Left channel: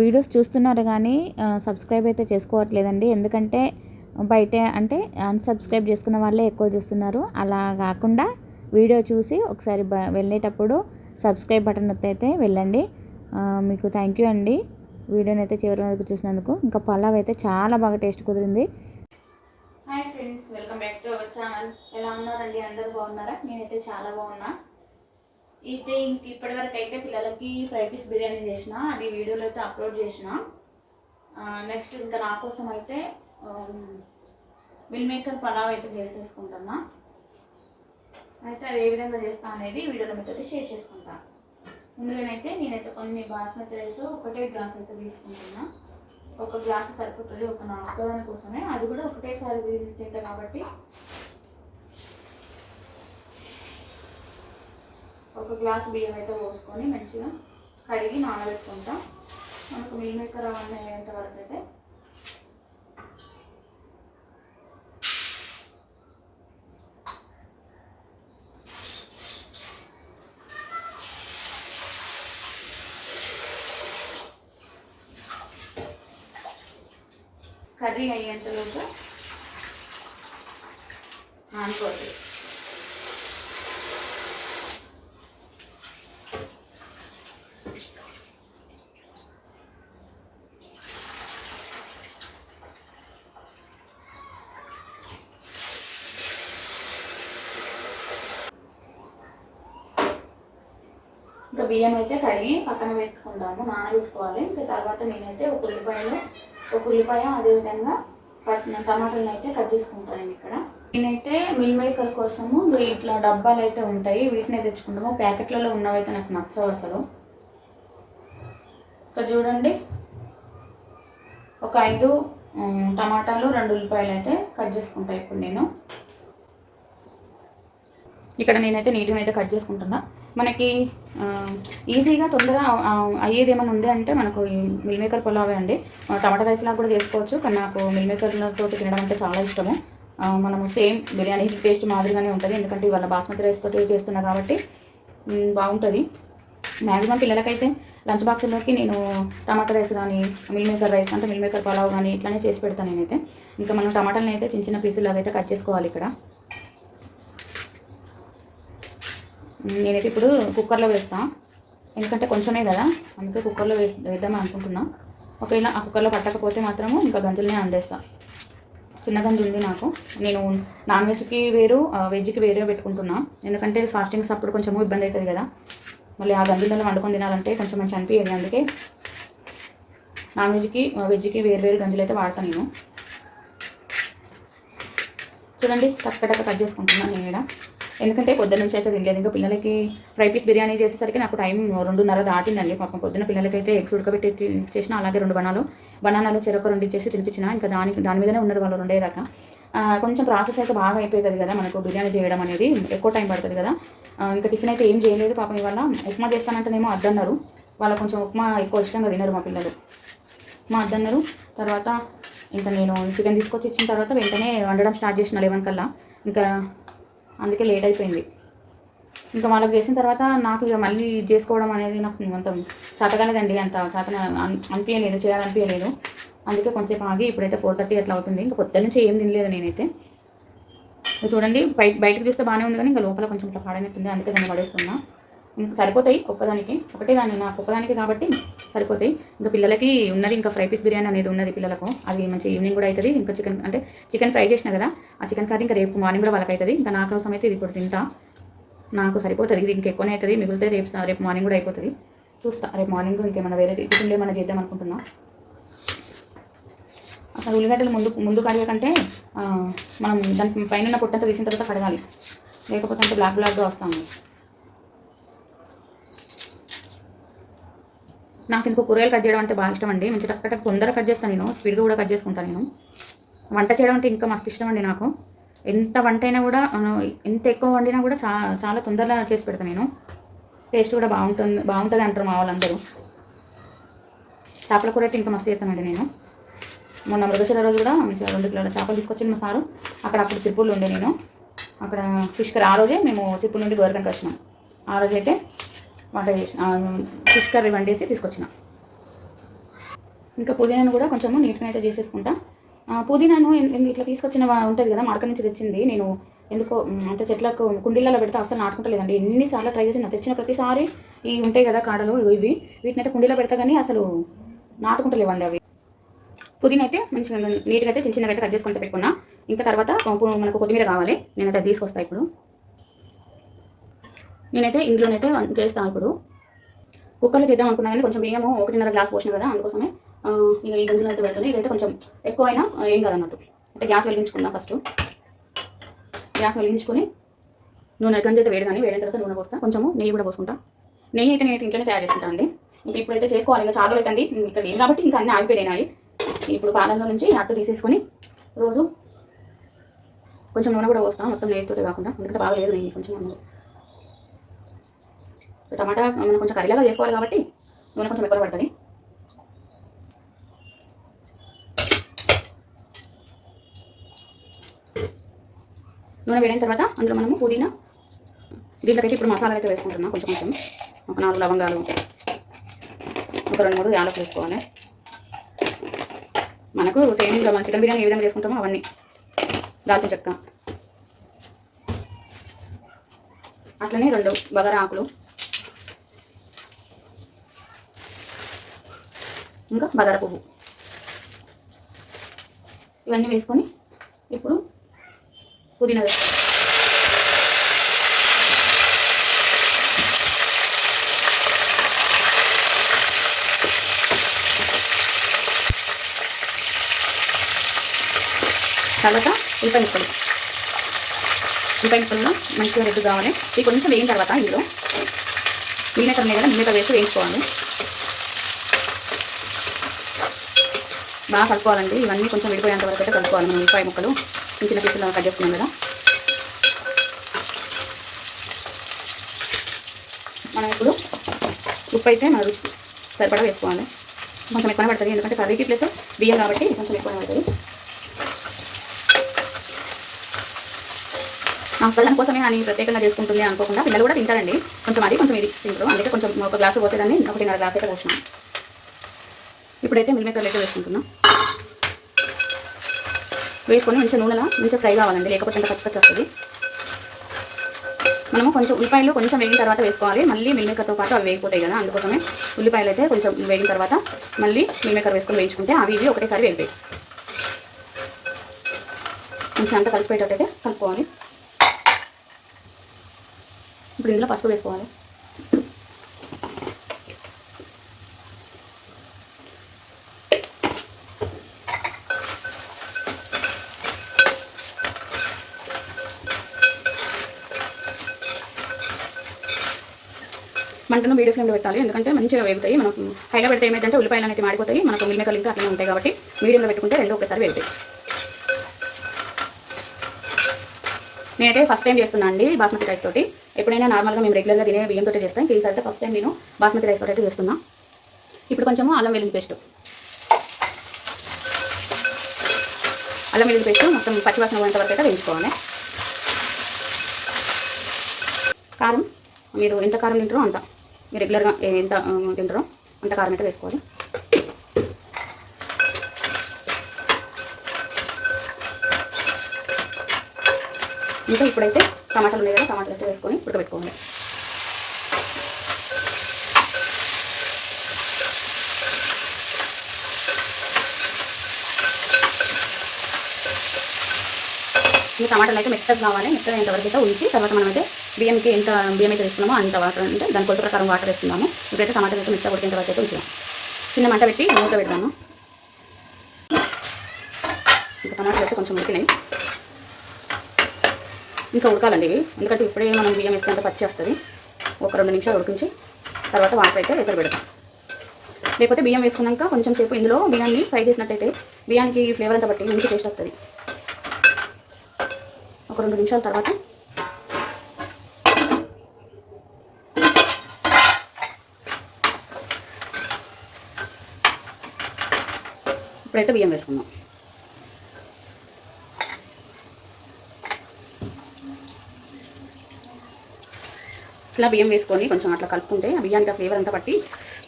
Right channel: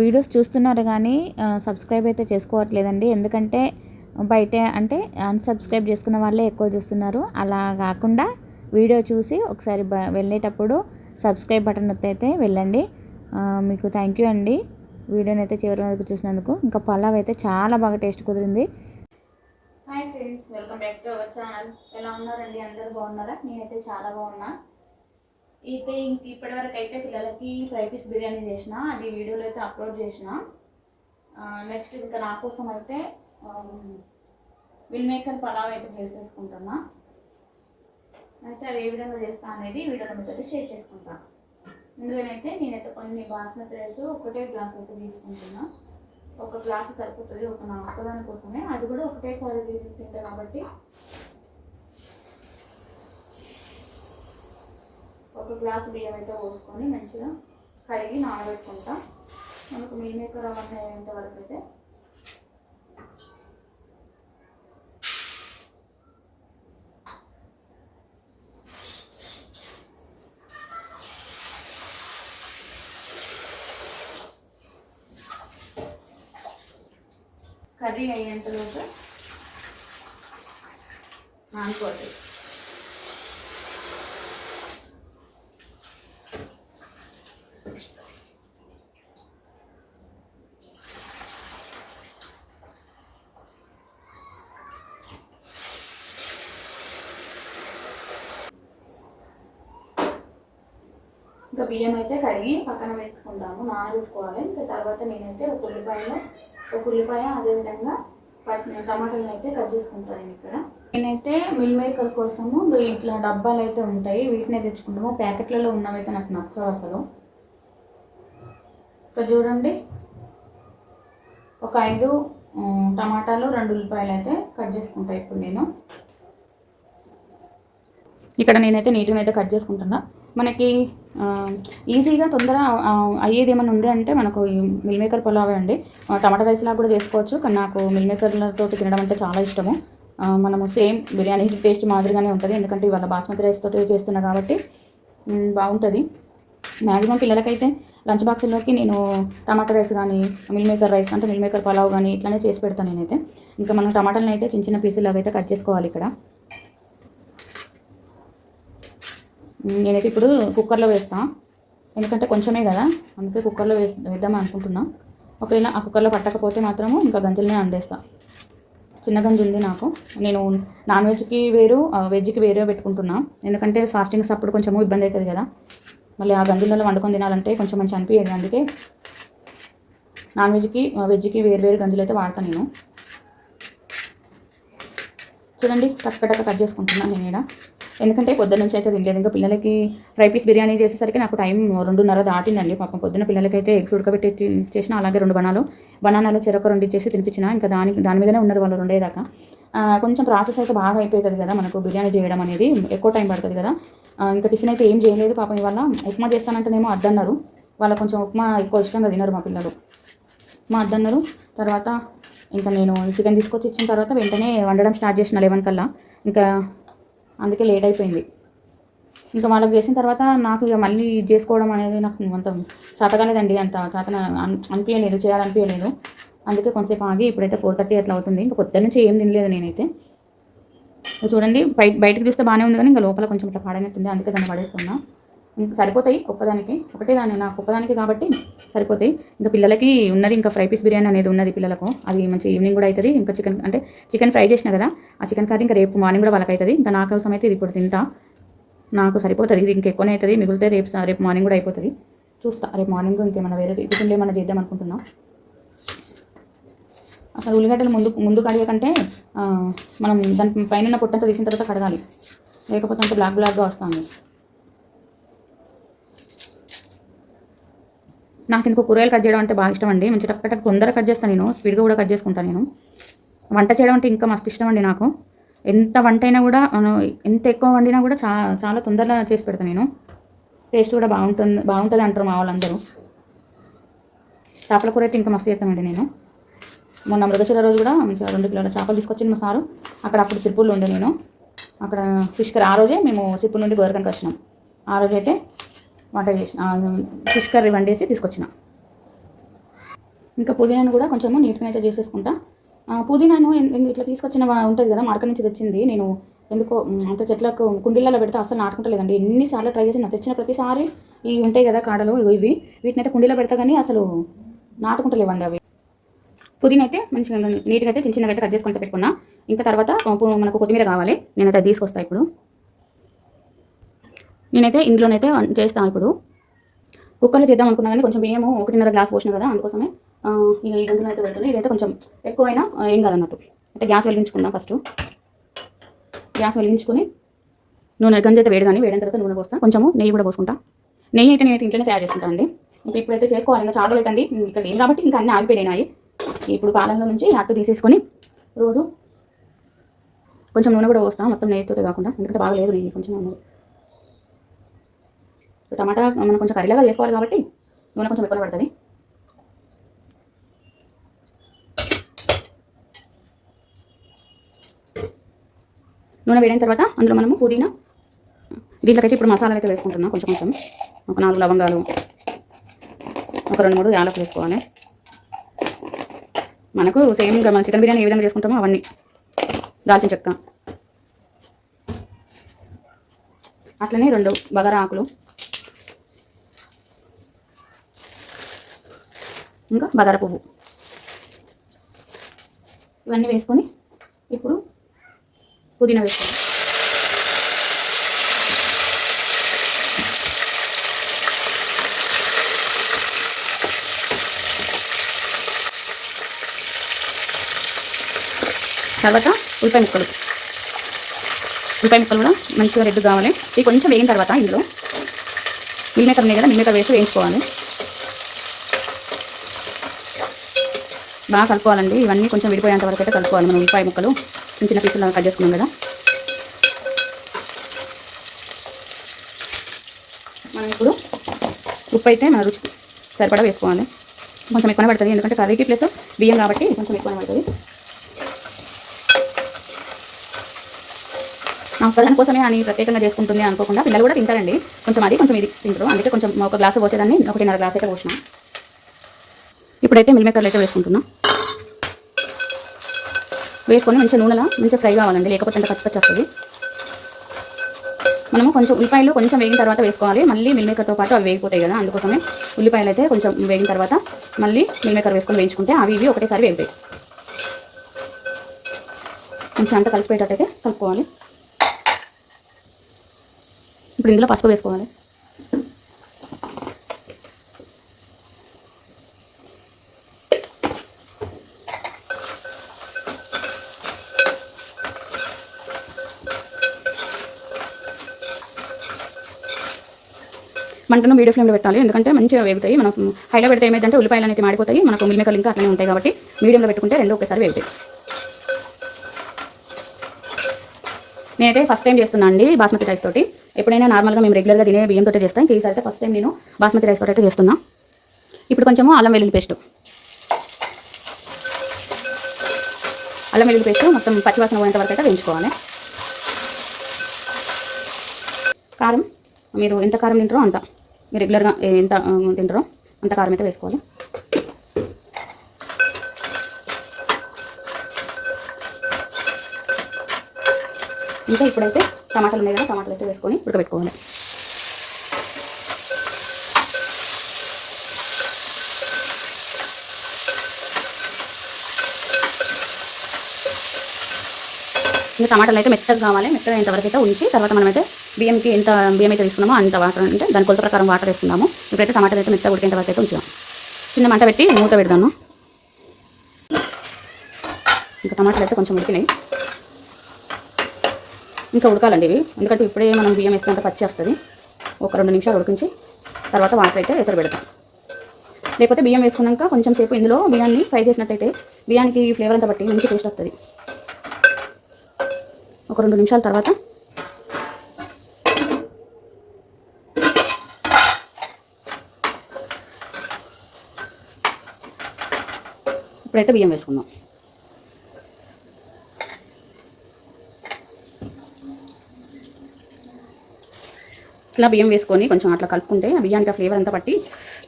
Videos చూస్తున్నారు కానీ subscribe అయితే చేసుకోవట్లేదండి. ఎందుకంటే బయట అంటే అన్సబ్స్క్రైబ్ చేసుకున్న వాళ్ళే ఎక్కువ చూస్తున్నారు. అలా కాకుండా వీడియో చూసి ఒకసారి వెళ్ళేటప్పుడు సబ్స్క్రైబ్ బటన్ అయితే వెళ్ళండి. మీకు థ్యాంక్ యూ అండి వీడియోని అయితే చివరి వరకు చూసినందుకు. ఇంకా పలావ్ అయితే చాలా బాగా టేస్ట్ కుదిరింది. Hi friends, welcome back to our channel. ఎలా ఉన్నారండి? అందరూ బాగున్నారా? నేనైతే చాలా బాగున్నా. అయితే ఇప్పటివరకు అయితే పిల్లలకి ఫ్రై పీస్ బిర్యానీ చేసిన, అది వీడియోలో అయితే అప్లోడ్ చేసిన. నెక్స్ట్ ఇంకా నా కోసం అయితే మిల్ మేకర్ పలావ్ అయితే చేసేసుకుంటున్నా. అయితే అది ఏ విధంగా చేస్తా అనేది వీడియోలో మీతో షేర్ చేసుకుంటాను. ముందుగానైతే నేనైతే కొన్ని బాస్మతి రైస్ ఒకటే గ్లాస్ అయితే తీసుకుంటున్నా. ఒక గ్లాసు సరిపోతుంది నా ఒక్కదాని కోసమే, అది కూడా ఒకటేసారి తింటా కాబట్టి ఒక గ్లాసు బియ్యం అయితే పోసుకొని మంచిగా కడిగి నానబెట్టుకుంటాం. మనకు మిల్ మేకర్ అవన్నీ అయ్యేంత వరకు అయితే కర్రీ అయ్యేంతలోపు నానుకోవాలి. ఇంకా బియ్యం అయితే కడిగి పక్కన పెట్టుకుంటాము, నానబెట్టుకోవాలి. ఇంకా తర్వాత నేనైతే ఒక ఉల్లిపాయ అదేవిధంగా టమాటాలను అయితే కట్ చేసుకుంటాను. ఇక్కడ నేనైతే మిల్ మేకర్ కోసము ఇట్లా డబ్బాలు అయితే ఉంటాయి, వీటిని తెచ్చుకుంటాము. ప్యాకెట్లలో ఉన్నవైతే నాకు నచ్చవు అసలు. ఇక్కడ చూడండి, ఒక 5 టమాటాలు 2 ఉల్లిపాయలు అయితే కట్ చేసుకుంటాను. ఇప్పుడు నేను ఇక్కడ నేనైతే నీట్గా అయితే కట్ చేసుకుంటున్నా. మనకి ఈజీగా తొందర అయ్యేది ఏమైనా ఉంది అంటే మనకు ఈ మిల్ మేకర్ పులావే అండి. టమాటా రైస్ లాగా కూడా చేసుకోవచ్చు, కానీ నాకు మిల్ మేకర్లతో తినడం అంటే చాలా ఇష్టము. మనము సేమ్ బిర్యానీ టేస్ట్ మాదిరిగానే ఉంటుంది, ఎందుకంటే ఇవాళ బాస్మతి రైస్ తోటి చేస్తున్నా కాబట్టి బాగుంటుంది. మ్యాక్సిమం పిల్లలకైతే లంచ్ బాక్స్లోకి నేను టమాటా రైస్ కానీ మిల్ మేకర్ రైస్ అంటే మిల్ మేకర్ పులావ్ కానీ ఇట్లానే చేసి పెడతాను నేనైతే. ఇంకా మనం టమాటాలను అయితే చిన్న చిన్న పీసులాగా అయితే కట్ చేసుకోవాలి. ఇక్కడ నేనైతే ఇప్పుడు కుక్కర్లో వేస్తాను, ఎందుకంటే కొంచెమే కదా, అందుకే కుక్కర్లో వేద్దామని అనుకుంటున్నా. ఒకవేళ ఆ కుక్కర్లో పట్టకపోతే మాత్రము ఇంకా గంజులనే వండేస్తాను. చిన్న గంజు ఉంది నాకు. నేను నాన్ వెజ్కి వేరు వెజ్కి వేరే పెట్టుకుంటున్నా, ఎందుకంటే ఫాస్టింగ్స్ అప్పుడు కొంచెం ఇబ్బంది అవుతుంది కదా, మళ్ళీ ఆ గంజులలో వండుకొని తినాలంటే కొంచెం మంచి అనిపించేది. అందుకే నాన్ వెజ్కి వెజ్కి వేరు గంజులు అయితే వాడతాను నేను. చూడండి, కట్ చేసుకుంటున్నాను నేను ఇక్కడ, ఎందుకంటే పొద్దున్న నుంచి అయితే తినలేదు. ఇంకా పిల్లలకి ఫ్రై పీస్ బిర్యానీ చేసేసరికి నాకు టైం 2:30 దాటిందండి. పాపం పొద్దున్న పిల్లలకైతే ఎగ్స్ ఉడకబెట్టి చేసిన, అలాగే 2 బనానాలు చెరొక 2 ఇచ్చేసి తినిపించిన. ఇంకా దాని మీదనే ఉన్నారు వాళ్ళు 2 దాకా. కొంచెం ప్రాసెస్ అయితే బాగా అయిపోతుంది కదా మనకు, బిర్యానీ చేయడం అనేది ఎక్కువ టైం పడుతుంది కదా. ఇంకా టిఫిన్ అయితే ఏం చేయలేదు పాపం. ఇవాళ ఉప్మా చేస్తానంటేనేమో అద్దన్నారు, వాళ్ళు కొంచెం ఉప్మా ఎక్కువ ఇష్టంగా తినరు మా పిల్లలు. ఉప్మా అద్దన్నారు. తర్వాత ఇంకా నేను చికెన్ తీసుకొచ్చి ఇచ్చిన తర్వాత వెంటనే వండడం స్టార్ట్ చేసిన 11 కల్లా. ఇంకా అందుకే లేట్ అయిపోయింది. ఇంకా వాళ్ళకి చేసిన తర్వాత నాకు ఇక మళ్ళీ చేసుకోవడం అనేది నాకు అంత చేతగాలేదండి, అంత అనిపించలేదు, చేయాలనిపించలేదు. అందుకే కొంచెంసేపు ఆగి ఇప్పుడైతే 4:30 అట్లా అవుతుంది. ఇంకా పొద్దున్న నుంచి ఏం తినలేదు నేనైతే. చూడండి, బయటకు చూస్తే బాగానే ఉంది కానీ ఇంకా లోపల కొంచెం ఇట్లా పాడైనట్టుంది, అందుకే దాన్ని పడేస్తున్నా. ఇంకా సరిపోతాయి ఒకటే దాన్ని, నాకు ఒక్కదానికి కాబట్టి సరిపోతాయి. ఇంకా పిల్లలకి ఉన్నది ఇంకా ఫ్రై పీస్ బిర్యానీ అనేది ఉన్నది పిల్లలకు, అది మంచి ఈవినింగ్ కూడా అవుతుంది. ఇంకా చికెన్ ఫ్రై చేసిన కదా, ఆ చికెన్ కర్రీ ఇంకా రేపు మార్నింగ్ కూడా వాళ్ళకి అవుతుంది. ఇంకా నా కోసం అయితే ఇది ఇప్పుడు తింటా, నాకు సరిపోతుంది. ఇది ఇంకా ఎక్కువనే అవుతుంది, మిగిలితే రేపు మార్నింగ్ కూడా అయిపోతుంది. చూస్తా, రేపు మార్నింగ్ ఇంకేమైనా వేరే టిఫిన్లు ఏమైనా చేద్దాం అనుకుంటున్నా. అసలు ఉల్లిగడ్డలు ముందు కడగకంటే మనం దాని పైన పొట్టంతా తీసిన తర్వాత కడగాలి, లేకపోతే అంటే బ్లాక్గా వస్తాను. నాకు ఇంకో కూరగాయలు కట్ చేయడం అంటే బాగా ఇష్టం అండి. మంచి టక్ తొందరగా కట్ చేస్తాను నేను, స్పీడ్గా కూడా కట్ చేసుకుంటాను నేను. వంట చేయడం అంటే ఇంకా మస్తు ఇష్టం అండి నాకు. ఎంత వంట అయినా కూడా, ఎంత ఎక్కువ వండినా కూడా చాలా తొందరగా చేసి పెడతాను నేను. టేస్ట్ కూడా బాగుంటుంది అంటారు మా వాళ్ళందరూ. చేపల కూర అయితే ఇంకా మస్తు చేస్తానండి నేను. మొన్న మృగశిర రోజు కూడా 2 కిలోల చేపలు తీసుకొచ్చింది మా సారు. అప్పుడు సిర్పూర్లో ఉండే నేను, అక్కడ ఫిష్ కర్రీ. ఆ రోజే మేము సిర్పూర్ నుండి గోరకంకి వచ్చినాం. ఆ రోజైతే వంట చేసిన ఫిష్ కర్రీ వండేసి తీసుకొచ్చిన. ఇంకా పుదీనాను కూడా కొంచెము నీట్గా అయితే చేసేసుకుంటా. పుదీనాను ఇట్లా తీసుకొచ్చిన ఉంటుంది కదా, మార్కెట్ నుంచి తెచ్చింది. నేను ఎందుకో అంటే చెట్లకు కుండీలలో పెడితే అసలు నాటుకుంటలేదండి. ఎన్నిసార్లు ట్రై చేసిన, తెచ్చిన ప్రతిసారి ఇవి ఉంటాయి కదా కాడలు, ఇవి వీటిని అయితే కుండీలో పెడతా కానీ అసలు నాటుకుంటలేవండి అవి. పుదీనా అయితే మంచిగా నీట్గా అయితే చిన్న చిన్నగా అయితే కట్ చేసుకుంటే పెట్టుకున్నా. ఇంకా తర్వాత మనకు కొత్తిమీర కావాలి, నేనైతే తీసుకొస్తాను ఇప్పుడు. నేనైతే ఇందులోనైతే చేస్తాను. ఇప్పుడు కుక్కర్లో చేద్దాం అనుకున్నా కానీ కొంచెం బియ్యము 1.5 గ్లాస్ పోసిన కదా, అందుకోసమే ఇక ఈ గంజులో అయితే పెడుతుంది. ఇదైతే కొంచెం ఎక్కువ అయినా ఏం కాదన్నట్టు. అయితే గ్యాస్ వెలిగించుకుందాం. ఫస్ట్ గ్యాస్ వెలిగించుకొని నూనె గంజి అయితే వేడి, కానీ వేడిన తర్వాత నూనె పోస్తాను. కొంచెము నెయ్యి కూడా పోసుకుంటా. నెయ్యి అయితే నేనైతే ఇంట్లోనే తయారు చేసుకుంటాను అండి. ఇంకా ఇప్పుడైతే చేసుకోవాలి, ఇంకా చాలా అవుతుంది ఇక్కడ ఏం కాబట్టి ఇంకా అన్నీ ఆగిపోయినాయి. ఇప్పుడు పాలల్లో నుంచి అట్టు తీసేసుకొని రోజు కొంచెం నూనె కూడా పోస్తాం, మొత్తం నెయ్యితో కాకుండా, ఎందుకంటే బాగలేదు నెయ్యి కొంచెం. టమాటా మనం కొంచెం కర్రీలాగా చేసుకోవాలి కాబట్టి నూనె కొంచెం ఎక్కువ పడుతుంది. నూనె వేడిన తర్వాత అందులో మనము పుదీనా, దీంట్లోకైతే ఇప్పుడు మసాలా అయితే వేసుకుంటున్నాం. కొంచెం కొంచెం ఒక 4 లవంగాలు, ఒక 2-3 యాలకులు వేసుకోవాలి. మనకు సేమ్ మన చికెన్ బిర్యానీ ఏ విధంగా చేసుకుంటామో అవన్నీ, దాల్చిన చెక్క, అట్లనే 2 బగారా ఆకులు, ఇంకా బగారా పువ్వు, ఇవన్నీ వేసుకొని ఇప్పుడు పుదీనా వేసుకోవాలి. తర్వాత ఉల్లిపాయ ముక్కలు కూడా మంచిగా రెడ్ కావాలి. ఇవి కొంచెం వేగిన తర్వాత ఇందులో మిల్లిమేకర్ మీద మిల్లిమేకర్ వేసి వేయించుకోవాలి. బాగా కలుపుకోవాలండి. ఇవన్నీ కొంచెం విడిపోయేంత వరకు అయితే కలుపుకోవాలి. మనం ఉల్లిపాయ ముక్కలు చిన్న చిన్న పీసులు కట్ చేసుకున్నాం కదా, మనం ఇప్పుడు ఉప్పు అయితే మన రుచికి సరిపడా వేసుకోవాలి. కొంచెం ఎక్కువనే పడుతుంది, ఎందుకంటే కర్రీకి ప్లస్ బియ్యం కాబట్టి కొంచెం ఎక్కువనే పడుతుంది. మా ఒక్కదాని కోసమే అని ప్రత్యేకంగా చేసుకుంటుంది అనుకోకుండా పిల్లలు కూడా తింటారండి. కొంచెం అది కొంచెం ఇది తింటారు, అందుకే కొంచెం ఒక గ్లాసు పోసేదాన్ని 1.5 గ్లాస్ అయితే పోసినాం. ఇప్పుడైతే మిల్లిమేకర్లు అయితే వేసుకుంటున్నాం. వేసుకొని మంచిగా నూనెలో మంచిగా ఫ్రై కావాలండి, లేకపోతే ఎంత పచ్చి వస్తుంది. మనము కొంచెం ఉల్లిపాయలు కొంచెం వేగిన తర్వాత వేసుకోవాలి, మళ్ళీ మిల్లిమేకర్తో పాటు అవి వేగిపోతాయి కదా, అందుకోసమే ఉల్లిపాయలు అయితే కొంచెం వేగిన తర్వాత మళ్ళీ మిల్లిమేకర్ వేసుకొని వేయించుకుంటే అవి ఇవి ఒకటేసారి వేగుతాయి. కొంచెం అంతా కలిసిపోయేటట్టు అయితే కలుపుకోవాలి. ఇప్పుడు ఇందులో పసుపు వేసుకోవాలి. మంటను మీడియం ఫ్లేమ్లో పెట్టాలి, ఎందుకంటే మంచిగా వేగుతాయి. మనం హైలో పెడితే ఏమైందంటే ఉల్లిపాయలు అనేది మాడిపోతాయి, మనకు మిల్లిమేకర్లు ఇంకా అట్లనే ఉంటాయి కాబట్టి మీడియంలో పెట్టుకుంటే రెండు ఒకేసారి వేగుతాయి. నేనైతే ఫస్ట్ టైం చేస్తున్నాను అండి బాస్మతి రైస్ తోటి. ఎప్పుడైనా నార్మల్గా మేము రెగ్యులర్గా తినే బియ్యంతో చేస్తాను, ఈసారి అయితే ఫస్ట్ టైం నేను బాస్మతి రైస్ తోటి అయితే చేస్తున్నాను. ఇప్పుడు కొంచెము అల్లం వెల్లుల్లి పేస్ట్ మొత్తం పచ్చివాసన పోయేంత వరకు అయితే వేయించుకోవాలి. కారం మీరు ఎంత కారం తింటారో అంత, మీరు రెగ్యులర్గా ఎంత తింటారో అంత కారం అయితే వేసుకోవాలి. ఇంకా ఇప్పుడైతే టమాటాలు ఉన్నాయి కదా, టమాటాలు అయితే వేసుకొని ఉడకబెట్టుకోవాలి. ఇంకా టమాటాలు అయితే మెత్తగా కావాలి, మెత్తగా ఇంతవరకు అయితే ఉంచి తర్వాత మనమైతే బియ్యంకి ఎంత బియ్యం అయితే తీసుకున్నామో అంత వాటర్ అంటే దాని కొలత ప్రకారం వాటర్ వేస్తున్నాము. ఇప్పుడైతే టమాటాలు అయితే మెత్తగా ఉడికేంత వరకు అయితే ఉంచాము. చిన్న మంట పెట్టి మూత పెడదాము. ఇంకా టమాటాలు అయితే కొంచెం ఉడికినాయి, ఇంకా ఉడకాలండి ఇవి, ఎందుకంటే ఇప్పుడే మనం బియ్యం వేసుకుంటే పచ్చి వస్తుంది. ఒక 2 నిమిషాలు ఉడికించి తర్వాత వాటర్ అయితే ఎసరు పెడతాం. లేకపోతే బియ్యం వేసుకున్నాక కొంచెం సేపు ఇందులో బియ్యాన్ని ఫ్రై చేసినట్టయితే బియ్యానికి ఫ్లేవర్ అంతా బట్టి మంచి టేస్ట్ వస్తుంది. ఒక 2 నిమిషాల తర్వాత ఇప్పుడైతే బియ్యం వేసుకుందాం. ఇట్లా బియ్యం వేసుకొని కొంచెం అట్లా కలుపుకుంటే ఆ బియ్యానికి ఆ ఫ్లేవర్ అంతా పట్టి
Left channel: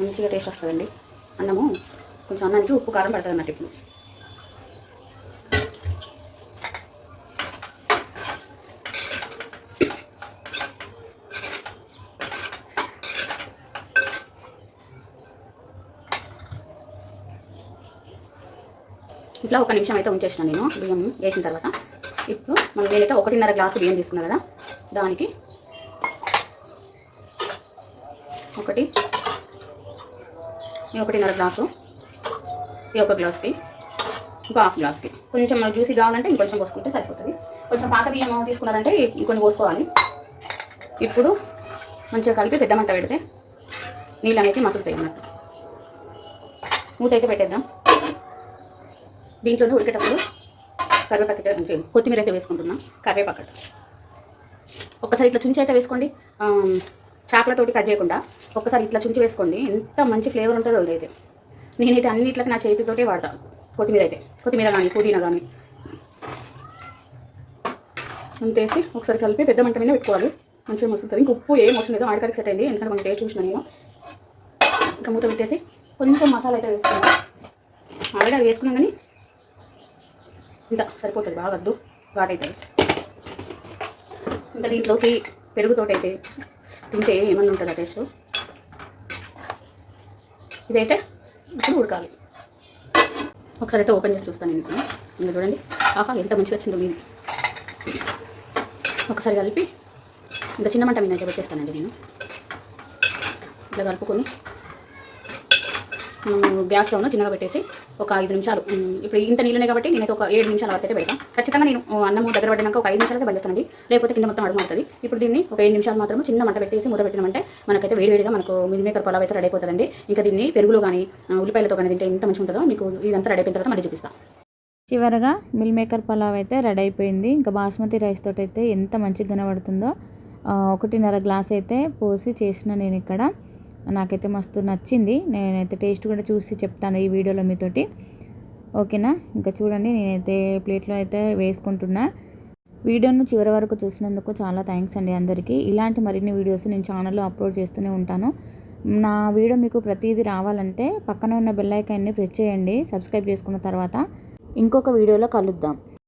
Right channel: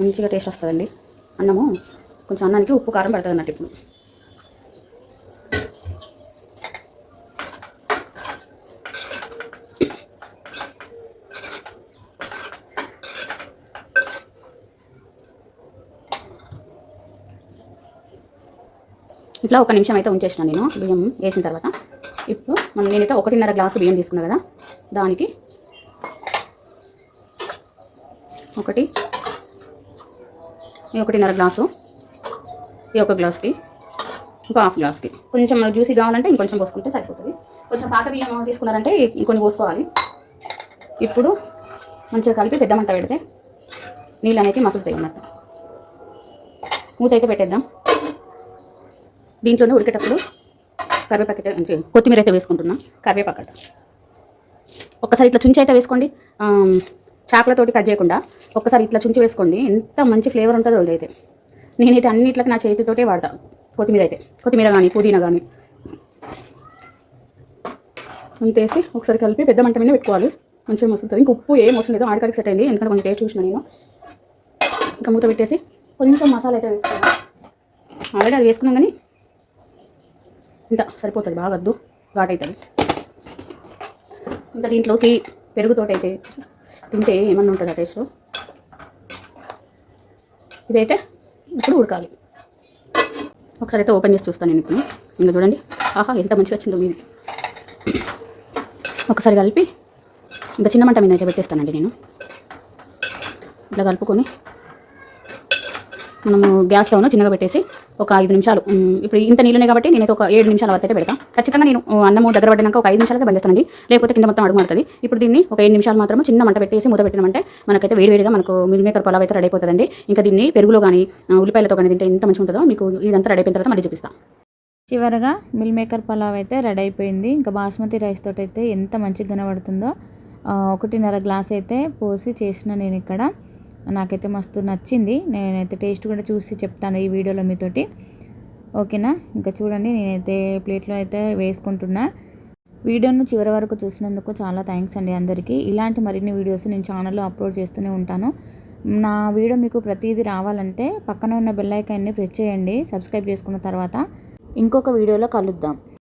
మంచిగా టేస్ట్ వస్తుందండి. అన్నము కొంచెం అన్నానికి ఉప్పు కారం పడుతుంది అన్నట్టు. ఇప్పుడు ఇట్లా 1 నిమిషం అయితే ఉంచేసిన నేను బియ్యం వేసిన తర్వాత. ఇప్పుడు మళ్ళీ నేనైతే 1.5 గ్లాసు బియ్యం తీసుకున్నాను కదా, దానికి 1.5 గ్లాసు, ఈ 1 గ్లాస్కి ఇంకో 1/2 గ్లాస్కి కొంచెం జ్యూసీ కావాలంటే ఇంకొంచెం పోసుకుంటే సరిపోతుంది. కొంచెం పాత బియ్యం తీసుకున్నారంటే ఇంకొన్ని పోసుకోవాలి. ఇప్పుడు మంచిగా కలిపి పెద్ద మంట పెడితే నీళ్ళు అనేది మసులుతాయి అన్నట్టు. మూత అయితే పెట్టేద్దాం. దీంట్లోనే ఉడికేటప్పుడు కరివేపాకు కొత్తిమీర అయితే వేసుకుంటున్నాం. కరివేపాకు ఒక్కసారి ఇట్లా చుంచి అయితే వేసుకోండి, చేపలతోటి కట్ చేయకుండా ఒక్కసారి ఇట్లా చుంచి వేసుకోండి. ఎంత మంచి ఫ్లేవర్ ఉంటుందో అదైతే. నేనైతే అన్నిట్లకి నా చేతితోటే వాడతాను కొత్తిమీర కానీ పుదీనా కానీ అంతేసి ఒకసారి కలిపి పెద్ద మంట మీద పెట్టుకోవాలి. మంచిగా మసులుతుంది. ఇంక ఉప్పు ఏం అవసరం లేదు, ఆడికాడికి సెట్ అయింది. ఎందుకంటే కొంచెం టేస్ట్ చూసిన నేను. ఇంకా మూత పెట్టేసి కొంచెం మసాలా అయితే వేసుకోవాలి. ఆల్రెడీ అది వేసుకున్నాం కానీ ఇంత సరిపోతుంది, బాగా వద్దు ఘాట్ అవుతుంది. ఇంకా దీంట్లోకి పెరుగుతోటి అయితే తింటే ఏమన్నా ఉంటుంది ఆ టేస్ట్. ఇదైతే ఇప్పుడు ఉడకాలి. ఒకసారి అయితే ఓపెన్ చేసి చూస్తాను నేను ఇప్పుడు. ఇంకా చూడండి, ఆహా ఎంత మంచిగా వచ్చిందో మీది. ఒకసారి కలిపి ఇంకా చిన్న మంట మీద అయితే పెట్టేస్తానండి నేను. ఇట్లా కలుపుకొని మనము గ్యాస్ స్టవ్ను చిన్నగా పెట్టేసి ఒక 5 నిమిషాలు, ఇప్పుడు ఇంత నీళ్ళనే కాబట్టి నేనైతే ఒక 7 నిమిషాల వరకు అయితే పెడతాను. ఖచ్చితంగా నేను అన్నము దగ్గర పడినాక ఒక 5 నిమిషాలకే బంద్ చేస్తానండి, లేకపోతే కింద మొత్తం అడుగు మారుతుంది. ఇప్పుడు దీన్ని ఒక 7 నిమిషాలు మాత్రం చిన్న మంట పెట్టేసి మూత పెట్టినామంటే మనకైతే వేడివేడిగా మనకు మిల్ మేకర్ పలావ్ అయితే రెడీ అయిపోతుందండి. ఇంకా దీన్ని పెరుగులో కానీ ఉల్లిపాయలతో కానీ తింటే ఎంత మంచిగా ఉంటుందో మీకు ఇదంతా రెడీ అయిపోయిన తర్వాత మళ్ళీ చూపిస్తాను. చివరగా మిల్ మేకర్ పలావ్ అయితే రెడీ అయిపోయింది. ఇంకా బాస్మతి రైస్ తోటి అయితే ఎంత మంచిగా కనబడుతుందో. 1.5 గ్లాస్ అయితే పోసి చేసిన నేను ఇక్కడ. నాకైతే మస్తు నచ్చింది. నేనైతే టేస్ట్ కూడా చూసి చెప్తాను ఈ వీడియోలో మీతోటి, ఓకేనా? ఇంకా చూడండి, నేనైతే ప్లేట్లో అయితే వేసుకుంటున్నా. వీడియోను చివరి వరకు చూసినందుకు చాలా థ్యాంక్స్ అండి అందరికీ. ఇలాంటి మరిన్ని వీడియోస్ నేను ఛానల్లో అప్లోడ్ చేస్తూనే ఉంటాను. నా వీడియో మీకు ప్రతిదీ రావాలంటే పక్కన ఉన్న బెల్ ఐకాన్ని ప్రెస్ చేయండి. సబ్స్క్రైబ్ చేసుకున్న తర్వాత ఇంకొక వీడియోలో కలుద్దాం.